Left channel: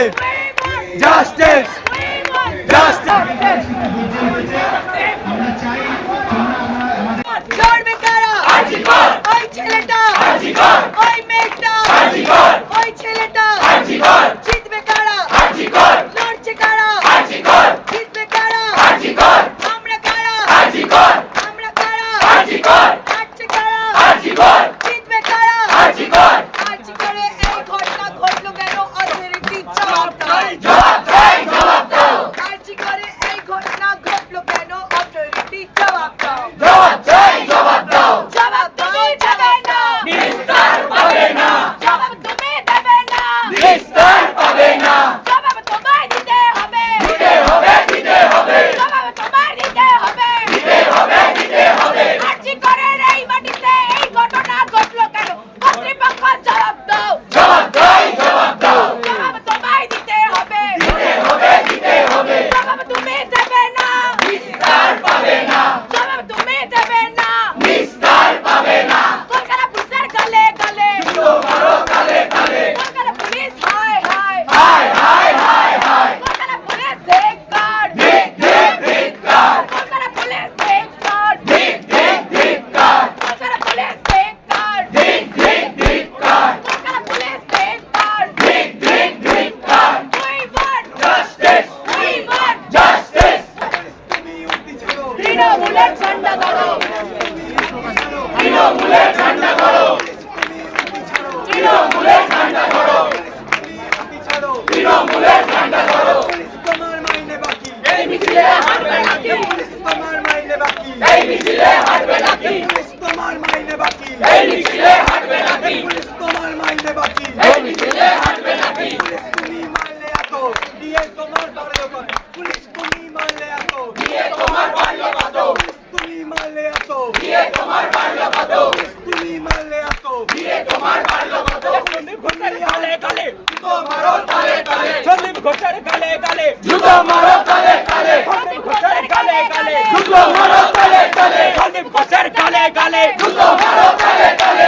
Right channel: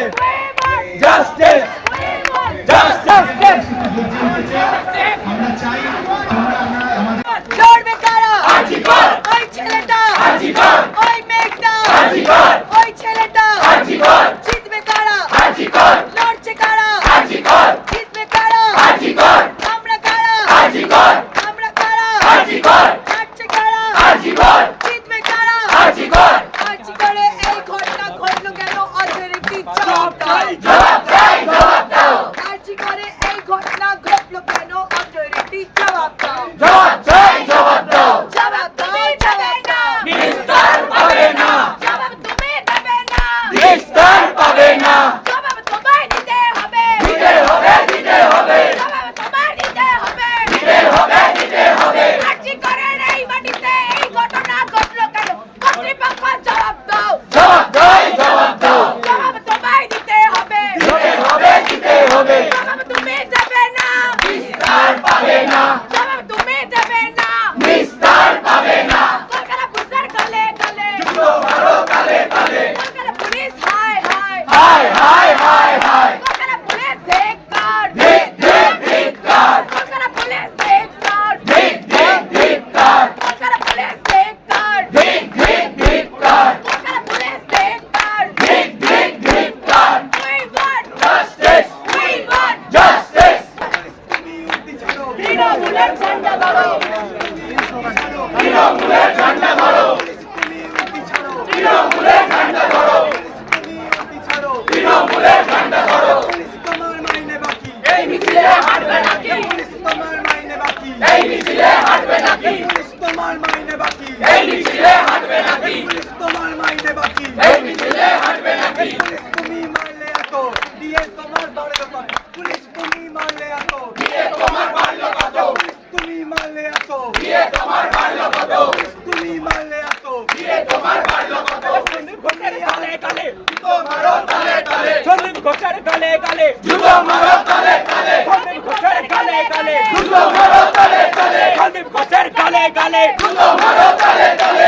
Yeah. Justice! Police তোমার মাইনে বাকি পুলিশ তোমার মাইনে বাকি পুলিশ लिए कमर बांध लो पुलिस तुम ही मान ले आ तो ये कमर बांध लो बांधो पुलिस तुम ही मान ले आ तो ये कमर बांध लो बांधो पुलिस तुम ही मान ले आ तो ये कमर बांध लो बांधो गुंडे हाले काले तो मारो ताले ताले चलो घोषर गले गले जुगो मारो ताले ताले घोषर गले गले जुगो मारो ताले ताले चलो घोषर गले गले जुगो मारो ताले ताले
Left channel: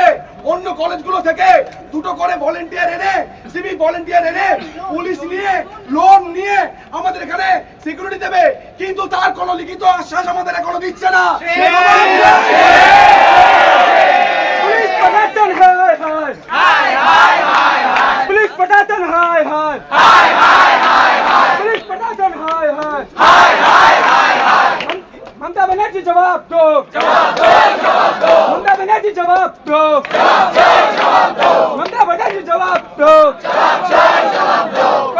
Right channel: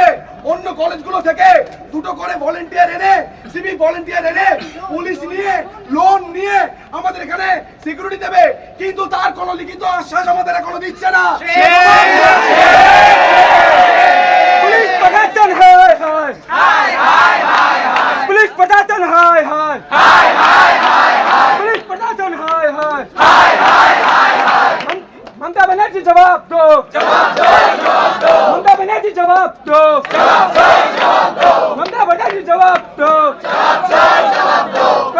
করে অন্য কলেজগুলো থেকে দুটো করে ভলেন্টিয়ার এনে সিভিক ভলেন্টিয়ার এনে পুলিশ নিয়ে লোন নিয়ে আমাদের এখানে সিকিউরিটি দেবে কিন্তু তার কোনো লিখিত আশ্বাস আমাদের এখনো দিচ্ছে না બેનર્જી જવાબ દો જવાબ દો જવાબ દો મમતા બેનર્જી જવાબ દો જવાબ દો જવાબ દો મમતા બેનર્જી જવાબ દો જવાબ દો જવાબ દો